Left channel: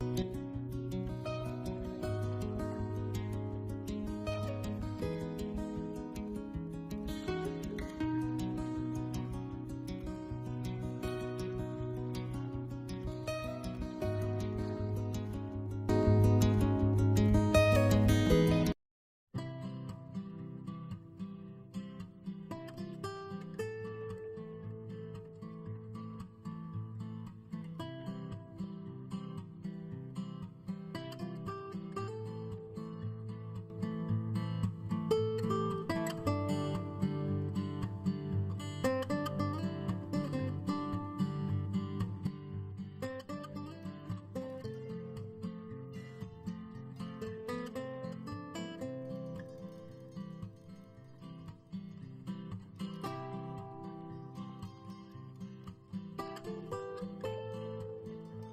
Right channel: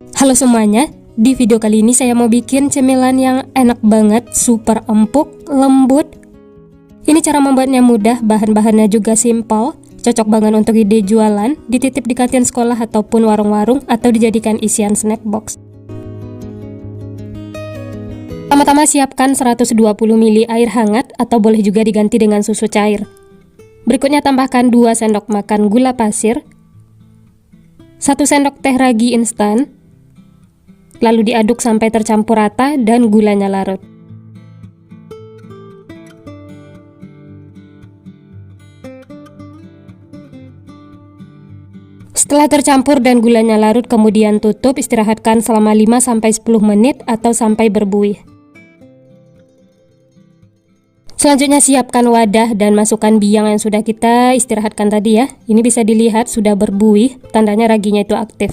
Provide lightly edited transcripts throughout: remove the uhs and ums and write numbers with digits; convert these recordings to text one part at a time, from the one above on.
Halo semuanya, di video kali ini saya mau bikin cemilan yang enak banget, super empuk, lembut. Ini cara membuatnya mudah, bahan-bahannya juga simpel, cocok banget untuk ide jualan, dititip di kantin sekolah ataupun warung-warung, atau dijadikan isian snack box. Pertama-tama siapkan 120 ml air hangat atau boleh juga diganti dengan susu cair. Berikutnya tambahkan 2 sendok makan gula pasir, 1 sendok teh ragi instan, lalu diaduk sampai tercampur rata dan gulanya larut. Setelah tercampur dan gulanya larut, kemudian tutup, istirahatkan selama 5-10 menit atau sampai berbuih. Selanjutnya siapkan wadah dan masukkan biang yang sudah kita istirahatkan tadi ya. Ini bisa dilihat sudah berbuih, tandanya raginya itu aktif.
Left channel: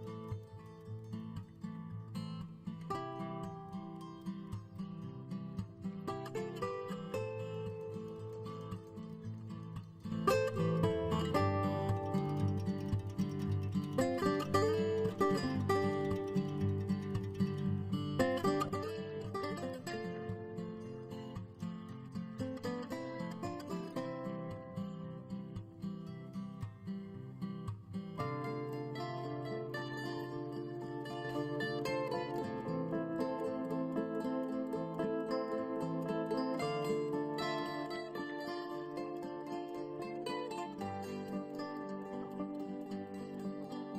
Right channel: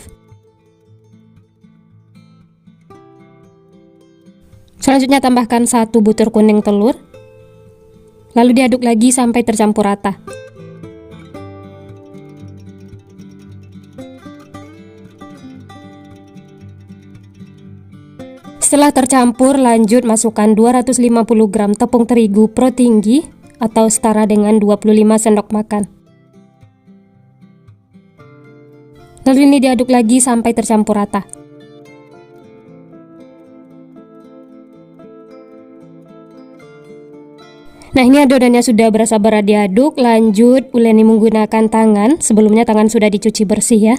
Selanjutnya tambahkan 1 butir kuning telur, lalu diaduk lagi sampai tercampur rata. Setelah tercampur, lanjut masukkan 250 gram tepung terigu pro tinggi atau setara dengan 25 sendok makan. Lalu ini diaduk lagi sampai tercampur rata. Nah, ini adonannya sudah berasa berat diaduk. Lanjut uleni menggunakan tangan. Sebelumnya tangan sudah dicuci bersih ya.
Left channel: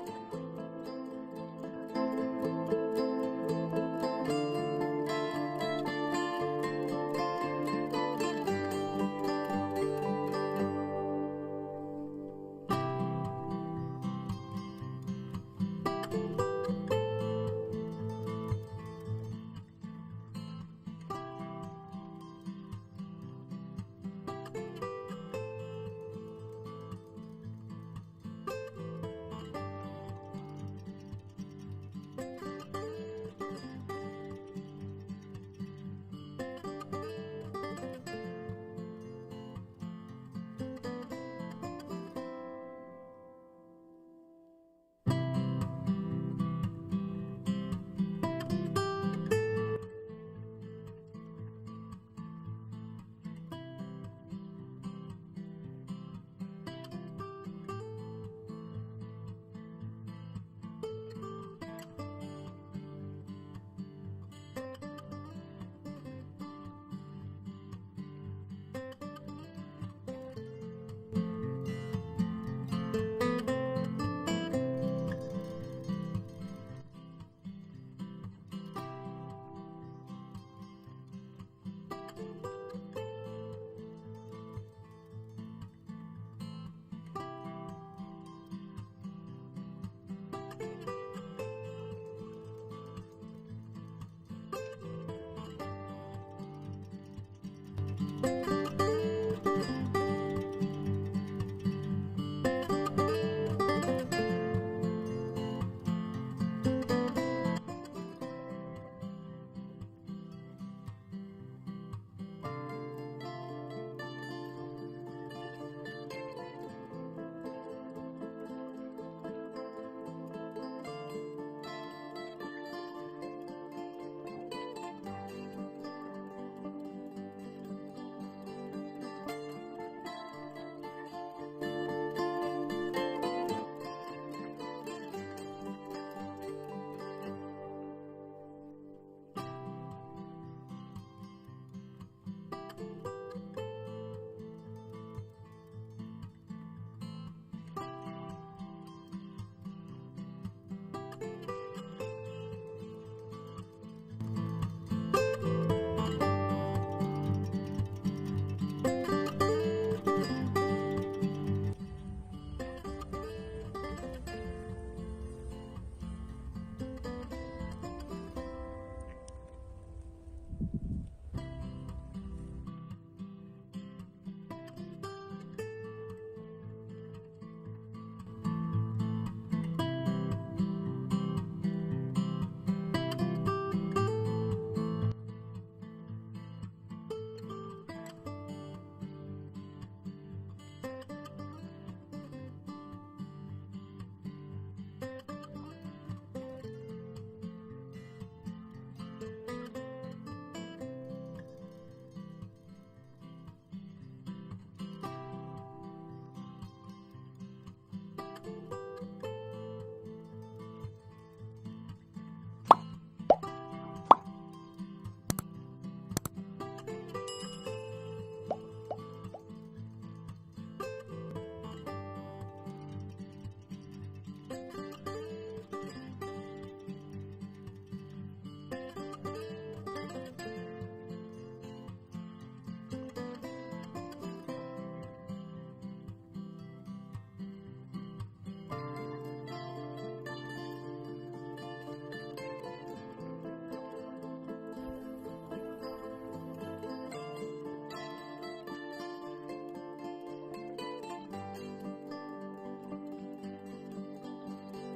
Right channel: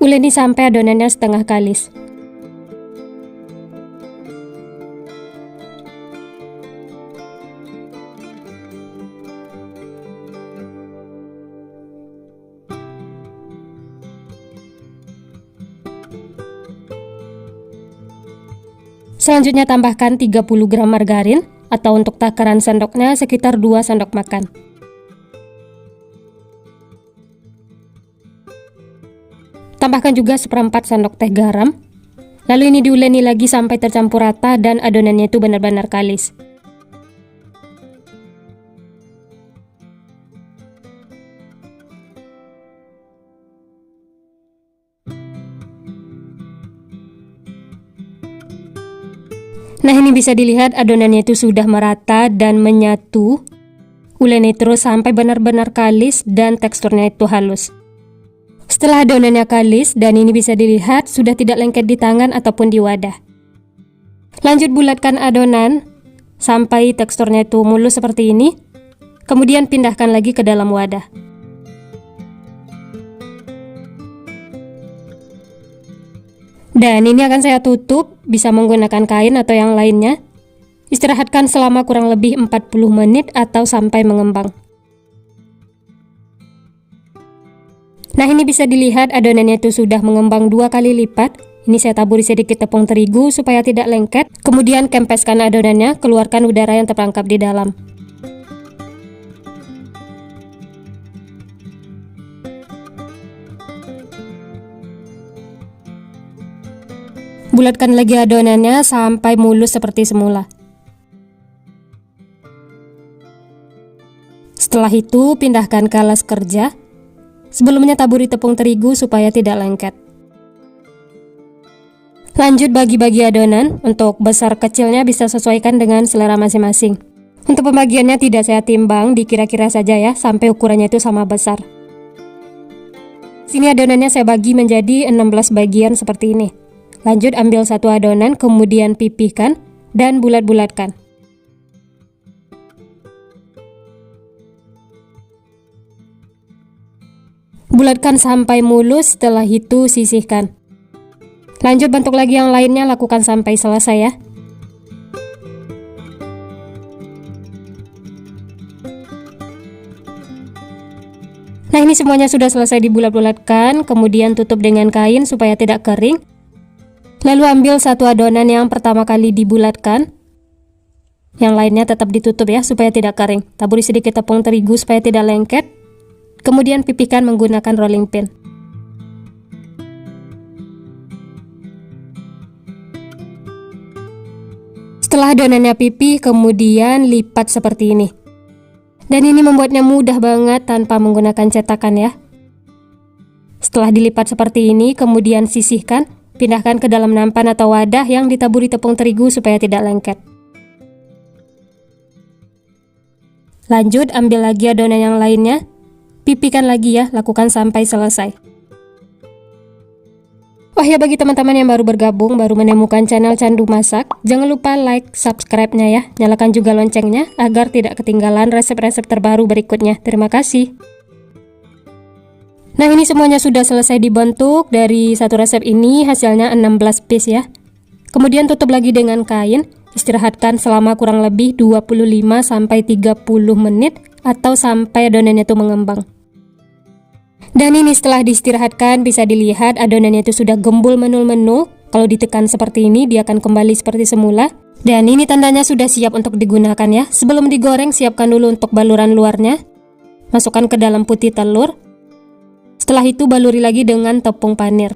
Uleni sampai adonannya setengah kalis. Selanjutnya tambahkan 30 gram margarin atau untuk takaran sendoknya sekitar 2 sendok makan. Tambahkan juga 1/4 sendok teh garam. Lalu ini diuleni lagi sampai tercampur rata dan adonannya itu benar-benar kalis. Nah, ini bisa dilihat adonannya itu sudah merata dan menyatu. Uleni terus sampai benar-benar kalis dan teksturnya itu halus. Setelah adonannya kalis dan ini bisa dilihat sudah tidak lengket di tangan ataupun di wadah. Lanjut bulatkan adonan sampai teksturnya itu mulus seperti ini. Kemudian pindahkan lagi ke dalam wadah. Dan ini akan saya tutup, bisa menggunakan kain atau yang lainnya. Istirahatkan selama kurang lebih 40 menit atau sampai mengembang. Nah, ini bisa dilihat adonannya itu sudah mengembang 2 kali lipat. Ini saya taburi sedikit tepung terigu supaya tidak lengket. Kemudian kempeskan adonannya, keluarkan udara yang terperangkap di dalam. Bulatkan lagi adonannya sampai mulus seperti semula. Setelah itu pindahkan ke alas kerja. Sebelumnya taburi tepung terigu supaya tidak lengket. Lanjut bagi-bagi adonan. Untuk besar kecilnya bisa sesuaikan dengan selera masing-masing. Untuk pembagiannya tidak saya timbang, dikira-kira saja ya, sampai ukurannya itu sama besar. Sini adonannya saya bagi menjadi 16 bagian seperti ini. Lanjut ambil 1 adonan, kemudian pipihkan dan bulat-bulatkan. Bulatkan sampai mulus, setelah itu sisihkan. Lanjut bentuk lagi yang lainnya, lakukan sampai selesai ya. Nah, ini semuanya sudah selesai dibulat-bulatkan, kemudian tutup dengan kain supaya tidak kering. Lalu ambil 1 adonan yang pertama kali dibulatkan. Yang lainnya tetap ditutup ya supaya tidak kering. Taburi sedikit tepung terigu supaya tidak lengket. Kemudian pipihkan menggunakan rolling pin. Setelah adonannya pipih, kemudian lipat seperti ini. Dan ini membuatnya mudah banget tanpa menggunakan cetakan ya. Setelah dilipat seperti ini, kemudian sisihkan, pindahkan ke dalam nampan atau wadah yang ditaburi tepung terigu supaya tidak lengket. Lanjut, ambil lagi adonan yang lainnya, pipikan lagi ya, lakukan sampai selesai. Oh ya, bagi teman-teman yang baru bergabung, baru menemukan channel Candu Masak, jangan lupa like, subscribe-nya ya, nyalakan juga loncengnya agar tidak ketinggalan resep-resep terbaru berikutnya. Terima kasih. Nah, ini semuanya sudah selesai dibentuk. Dari satu resep ini hasilnya 16 piece ya. Kemudian tutup lagi dengan kain, istirahatkan selama kurang lebih 25-30 menit atau sampai adonannya itu mengembang. Dan ini setelah diistirahatkan bisa dilihat adonannya itu sudah gembul menul-menul. Kalau ditekan seperti ini dia akan kembali seperti semula. Dan ini tandanya sudah siap untuk digunakan ya. Sebelum digoreng siapkan dulu untuk baluran luarnya. Masukkan ke dalam putih telur. Setelah itu baluri lagi dengan tepung panir.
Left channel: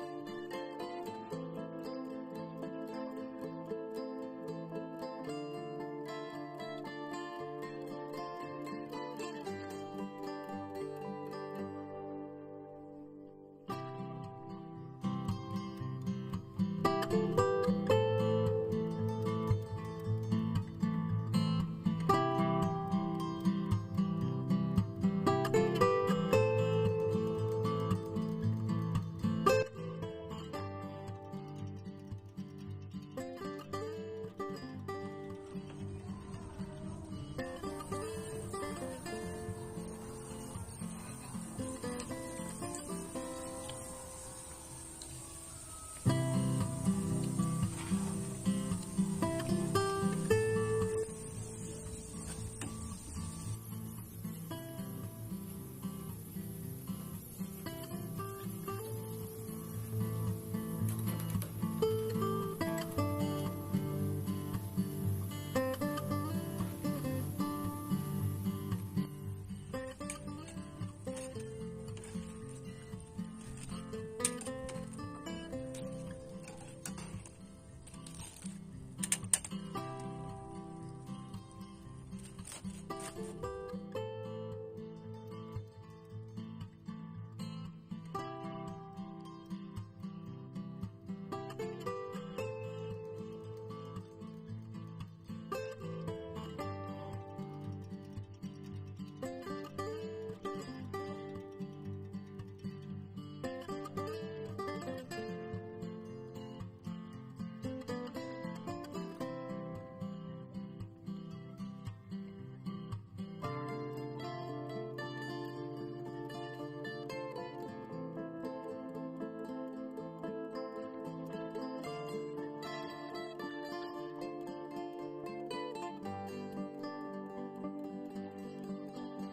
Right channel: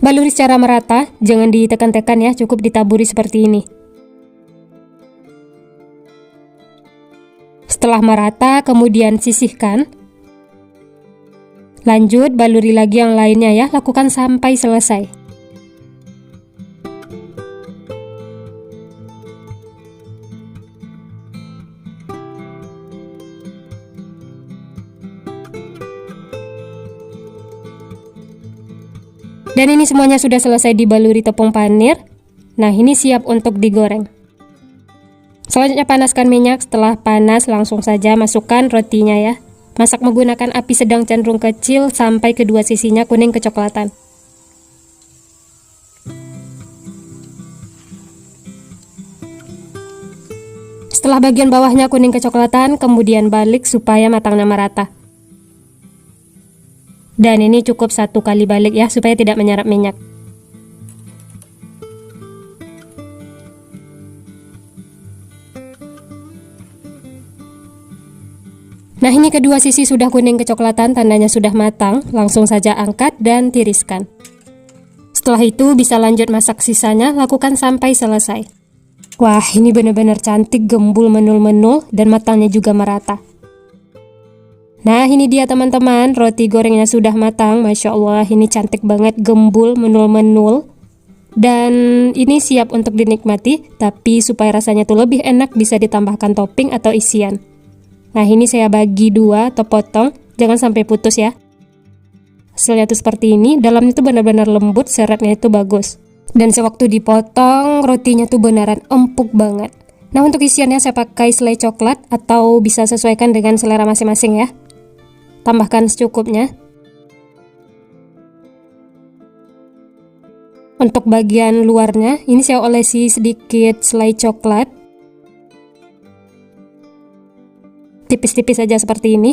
Baluri secara merata, jangan ditekan-tekan ya, cukup ditaburi seperti ini. Setelah merata, kemudian sisihkan. Lanjut, baluri lagi yang lainnya ya, lakukan sampai selesai. Dan ini semuanya sudah selesai dibaluri tepung panir. Nah, ini siap untuk digoreng. Selanjutnya panaskan minyak. Setelah panas langsung saja masukkan rotinya ya. Masak menggunakan api sedang cenderung kecil sampai kedua sisinya kuning kecoklatan. Setelah bagian bawahnya kuning kecoklatan, kemudian balik supaya matangnya merata. Dan ini cukup 1 kali balik ya, supaya tidak menyerap minyak. Nah, ini kedua sisi sudah kuning kecoklatan, tandanya sudah matang. Langsung saja angkat dan tiriskan. Setelah itu bisa lanjut masak sisanya, lakukan sampai selesai. Wah, ini benar-benar cantik, gembul menul-menul, dan matangnya juga merata. Nah, ini dia teman-teman, roti gorengnya sudah matang. Masya Allah, ini cantik banget, gembul, menul-menul. Dan ini siap untuk dinikmati, tapi supaya rasanya tuh lebih enak bisa ditambahkan topping atau isian. Nah, ini saya bagi 2 atau potong, jangan sampai putus ya. Hasilnya tuh seperti ini, dalamnya tuh benar-benar lembut, seratnya itu bagus. Dan sewaktu dipotong, rotinya tuh beneran empuk banget. Nah, untuk isiannya saya pakai selai coklat atau bisa sesuaikan dengan selera masing-masing ya. Tambahkan secukupnya. Untuk bagian luarnya, ini saya olesi sedikit selai coklat. Tipis-tipis saja seperti ini.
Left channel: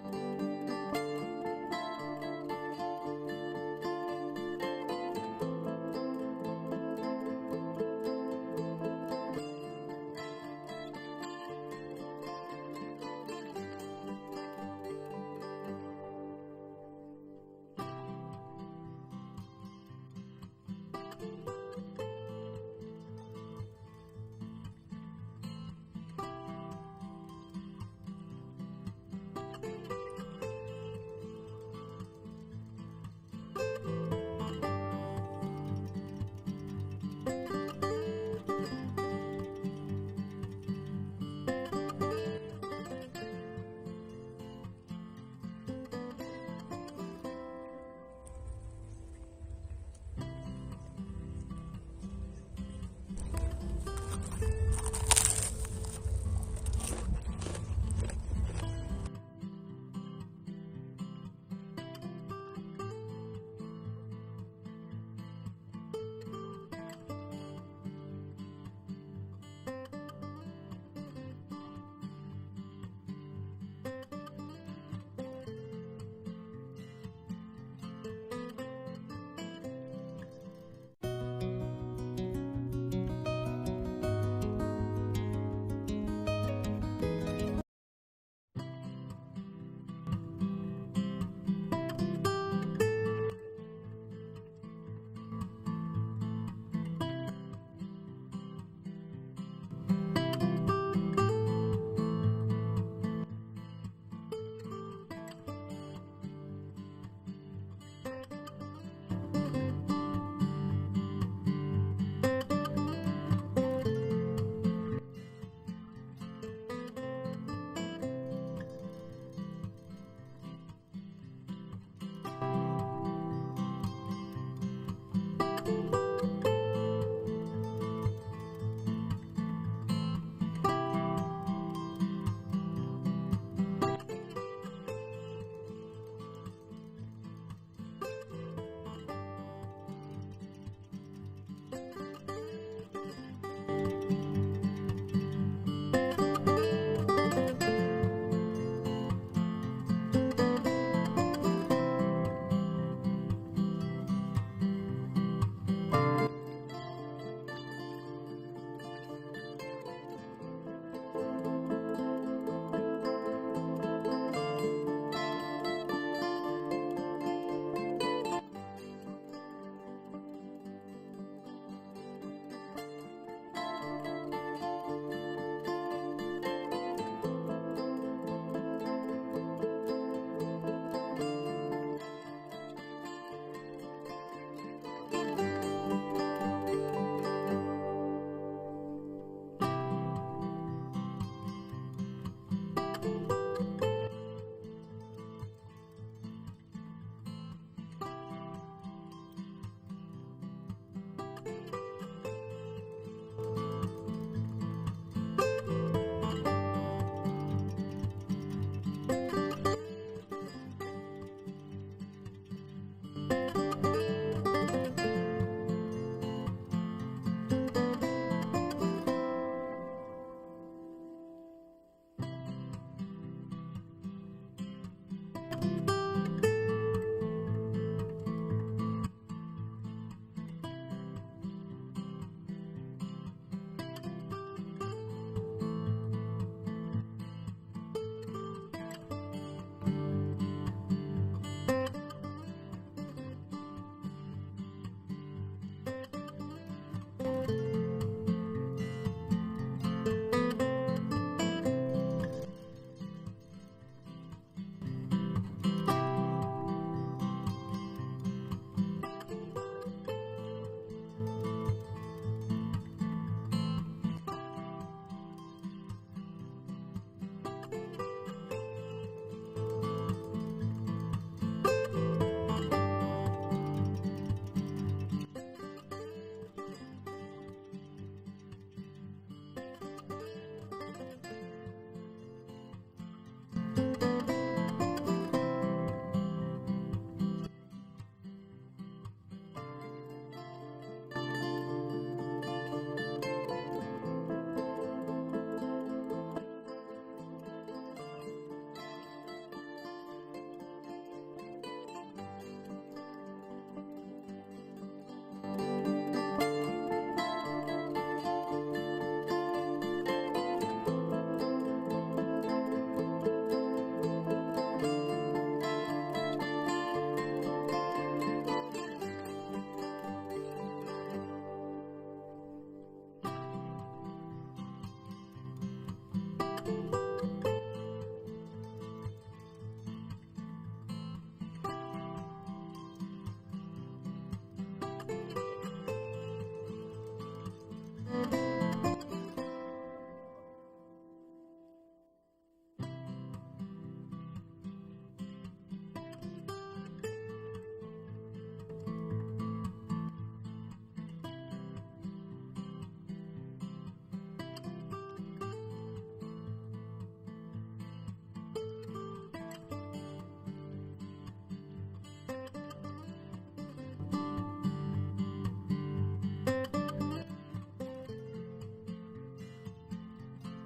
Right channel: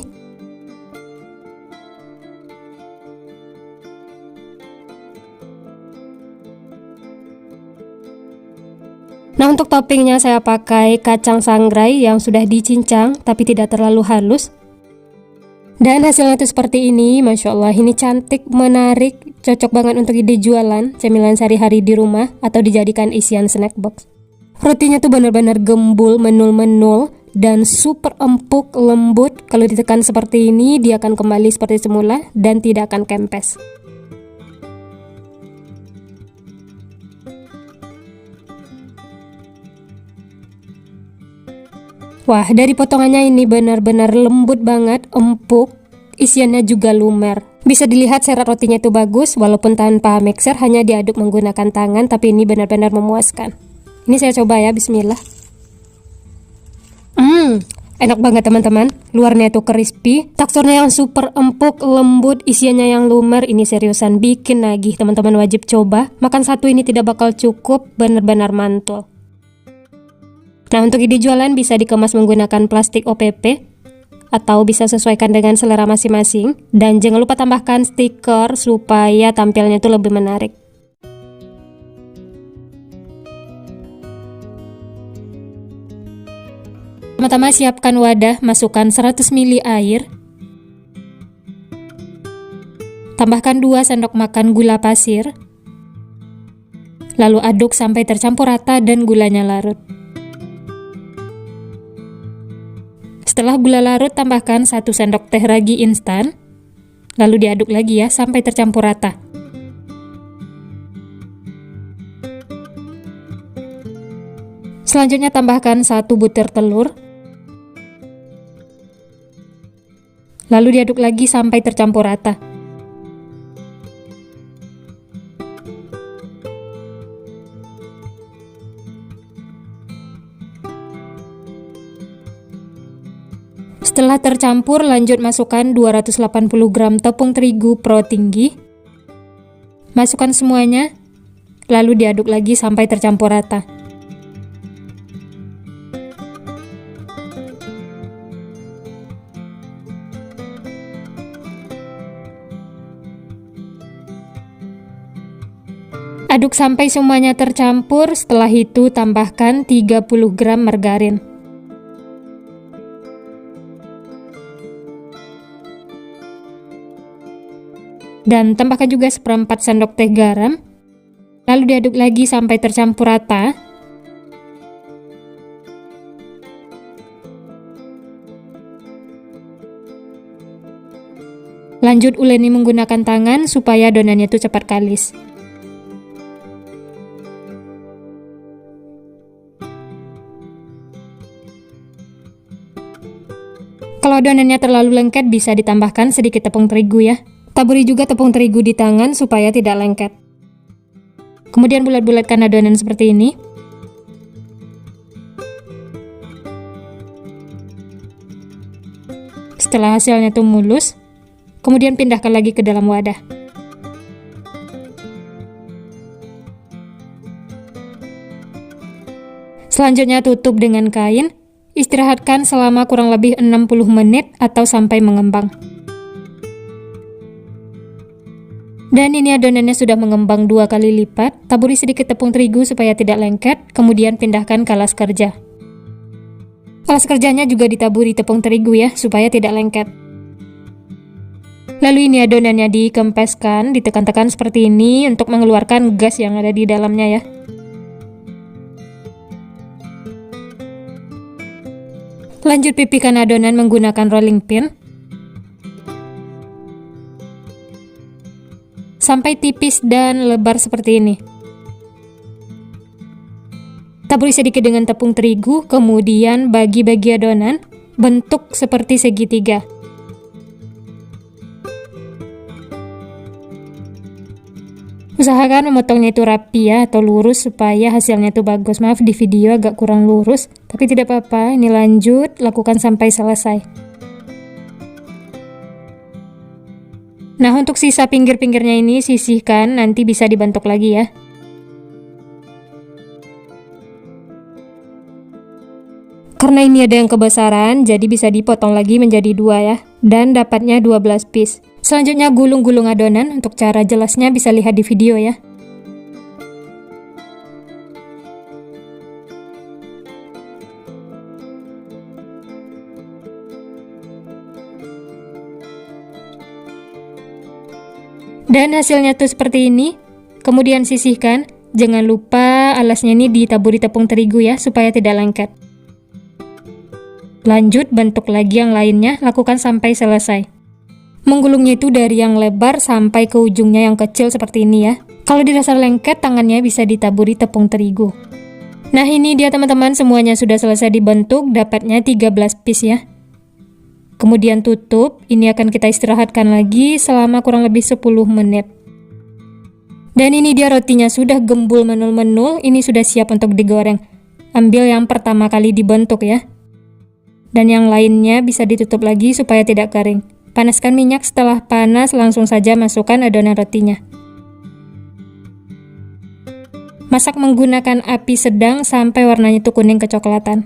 Nah, untuk toppingnya saya pakai kacang sangrai yang sudah dicincang tapi tidak terlalu halus. Dan hasilnya itu seperti ini. Masya Allah, ini cantik, menarik, cocok banget untuk ide jualan, cemilan sehari-hari di rumah atau dijadikan isian snack box. Rotinya tuh benar-benar gembul, menul-menul, dan super empuk, lembut. Kalau ditekan seperti ini, dia akan kembali seperti semula dan tidak akan kempes. Wah, dari potongannya ini benar-benar lembut banget, empuk, isiannya juga lumer. Bisa dilihat serat rotinya itu bagus, walaupun tanpa mixer, hanya diaduk menggunakan tangan, tapi ini benar-benar memuaskan. Ini saya coba ya, bismillah. Enak banget teman-teman, luarnya itu crispy, teksturnya yang super empuk, lembut, isiannya yang lumer. Ini seriusan bikin nagih, teman-teman wajib coba. Makan satu ini tidak bakal cukup, benar-benar mantul. Nah, untuk ide jualan bisa dikemas menggunakan plastik OPP atau bisa sesuaikan dengan selera masing-masing. Dan jangan lupa tambahkan stiker supaya tampilnya itu lebih menarik. Pertama-tama siapkan wadah, masukkan 100 ml air. Tambahkan 2 sendok makan gula pasir. Lalu aduk sampai tercampur rata dan gulanya larut. Setelah gula larut, tambahkan 1 sendok teh ragi instan. Lalu diaduk lagi ya, sampai tercampur rata. Selanjutnya tambahkan 1 butir telur. Lalu diaduk lagi sampai tercampur rata. Setelah tercampur, lanjut masukkan 280 gram tepung terigu pro tinggi. Masukkan semuanya, lalu diaduk lagi sampai tercampur rata. Aduk sampai semuanya tercampur, setelah itu tambahkan 30 gram margarin. Dan tambahkan juga 1/4 sendok teh garam. Lalu diaduk lagi sampai tercampur rata. Lanjut uleni menggunakan tangan supaya adonannya itu cepat kalis. Kalau adonannya terlalu lengket, bisa ditambahkan sedikit tepung terigu ya. Taburi juga tepung terigu di tangan supaya tidak lengket. Kemudian bulat-bulatkan adonan seperti ini. Setelah hasilnya tuh mulus, kemudian pindahkan lagi ke dalam wadah. Selanjutnya tutup dengan kain, istirahatkan selama kurang lebih 60 menit atau sampai mengembang. Dan ini adonannya sudah mengembang 2 kali lipat. Taburi sedikit tepung terigu supaya tidak lengket, kemudian pindahkan ke alas kerja. Alas kerjanya juga ditaburi tepung terigu ya, supaya tidak lengket. Lalu ini adonannya dikempeskan, ditekan-tekan seperti ini untuk mengeluarkan gas yang ada di dalamnya ya. Lanjut pipihkan adonan menggunakan rolling pin sampai tipis dan lebar seperti ini. Taburi sedikit dengan tepung terigu, kemudian bagi-bagi adonan bentuk seperti segitiga. Usahakan memotongnya itu rapi ya, atau lurus supaya hasilnya itu bagus. Maaf di video agak kurang lurus, tapi tidak apa-apa. Ini lanjut, lakukan sampai selesai. Nah, untuk sisa pinggir-pinggirnya ini sisihkan, nanti bisa dibentuk lagi ya. Karena ini ada yang kebesaran, jadi bisa dipotong lagi menjadi 2 ya. Dan dapatnya 12 piece. Selanjutnya gulung-gulung adonan, untuk cara jelasnya bisa lihat di video ya. Dan hasilnya tuh seperti ini. Kemudian sisihkan. Jangan lupa alasnya ini ditaburi tepung terigu ya, supaya tidak lengket. Lanjut bentuk lagi yang lainnya, lakukan sampai selesai. Menggulungnya itu dari yang lebar sampai ke ujungnya yang kecil seperti ini ya. Kalau dirasa lengket, tangannya bisa ditaburi tepung terigu. Nah, ini dia teman-teman, semuanya sudah selesai dibentuk, dapatnya 13 piece ya. Kemudian tutup, ini akan kita istirahatkan lagi selama kurang lebih 10 menit. Dan ini dia rotinya sudah gembul menul-menul, ini sudah siap untuk digoreng. Ambil yang pertama kali dibentuk ya. Dan yang lainnya bisa ditutup lagi supaya tidak garing. Panaskan minyak, setelah panas langsung saja masukkan adonan rotinya. Masak menggunakan api sedang sampai warnanya itu kuning kecoklatan.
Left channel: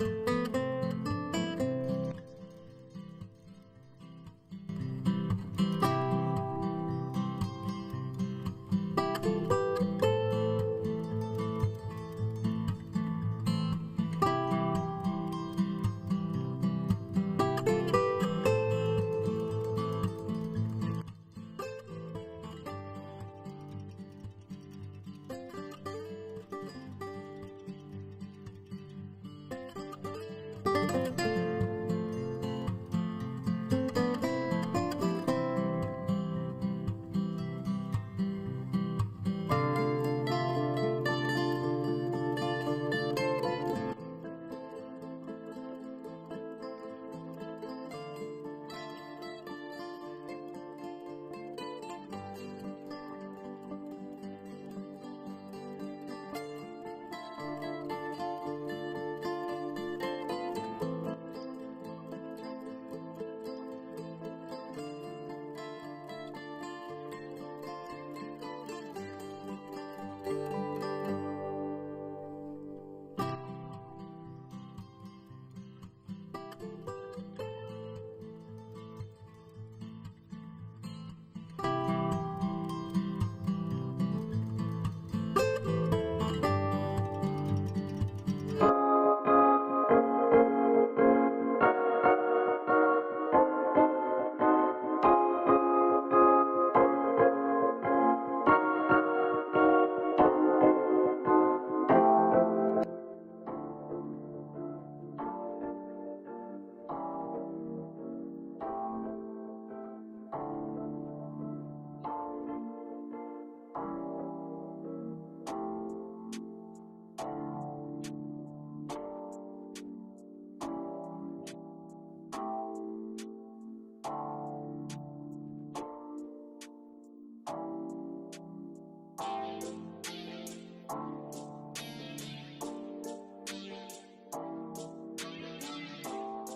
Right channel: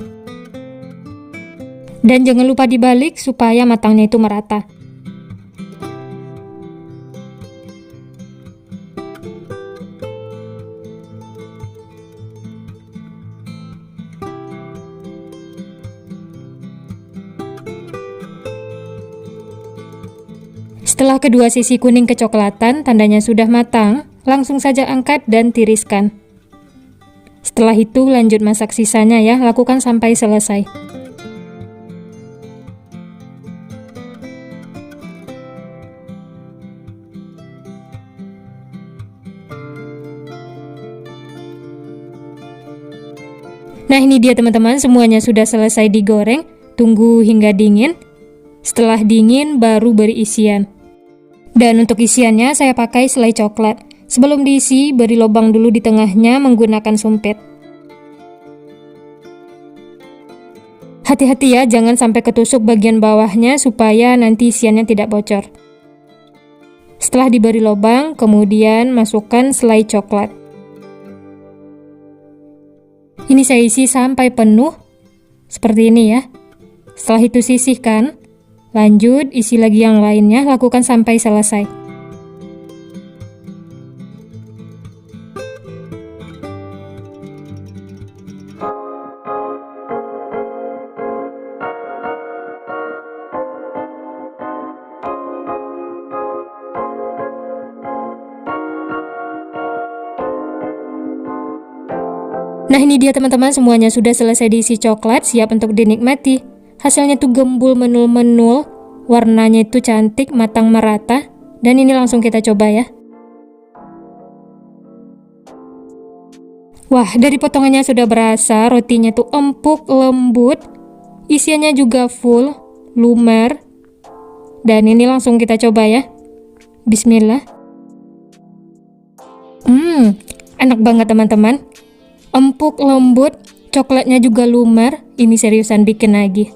Dan jangan lupa dibalik supaya matangnya itu merata. Setelah kedua sisi kuning kecoklatan, tandanya sudah matang, langsung saja angkat dan tiriskan. Setelah itu lanjut masak sisanya ya, lakukan sampai selesai. Nah ini dia teman-teman, semuanya sudah selesai digoreng. Tunggu hingga dingin. Setelah dingin baru beri isian. Dan untuk isiannya saya pakai selai coklat. Sebelum diisi, beri lubang dulu di tengahnya menggunakan sumpit. Hati-hati ya, jangan sampai ketusuk bagian bawahnya supaya nanti isiannya tidak bocor. Setelah diberi lubang, kemudian masukkan selai coklat. Ini saya isi sampai penuh, seperti ini ya. Setelah itu sisihkan, lanjut isi lagi yang lainnya, lakukan sampai selesai. Nah ini dia teman-teman, semuanya sudah selesai diisi coklat, siap untuk dinikmati. Hasilnya tuh gembul menul-menul, warnanya itu cantik, matang merata. Dan ini langsung kita coba ya. Wah, dari potongannya sudah berasa, rotinya tuh empuk, lembut. Isiannya juga full, lumer. Dan ini langsung kita coba ya. Bismillah. Enak banget teman-teman. Empuk, lembut, coklatnya juga lumer. Ini seriusan bikin lagi.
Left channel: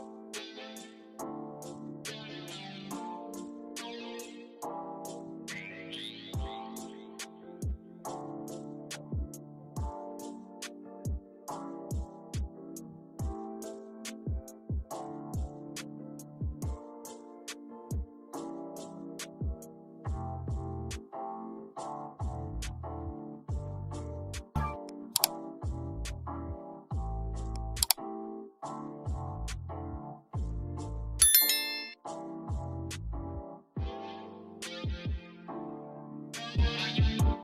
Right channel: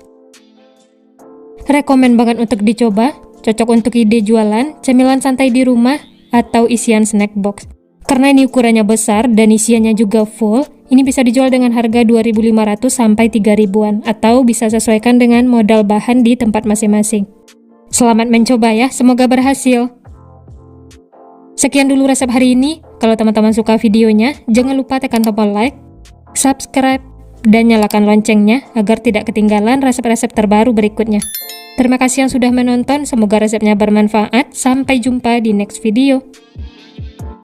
Rekomen banget untuk dicoba. Cocok untuk ide jualan, cemilan santai di rumah, atau isian snack box. Karena ini ukurannya besar dan isiannya juga full, ini bisa dijual dengan harga 2.500 sampai 3.000-an, atau bisa sesuaikan dengan modal bahan di tempat masing-masing. Selamat mencoba ya, semoga berhasil. Sekian dulu resep hari ini. Kalau teman-teman suka videonya, jangan lupa tekan tombol like, subscribe, dan nyalakan loncengnya agar tidak ketinggalan resep-resep terbaru berikutnya. Terima kasih yang sudah menonton, semoga resepnya bermanfaat. Sampai jumpa di next video.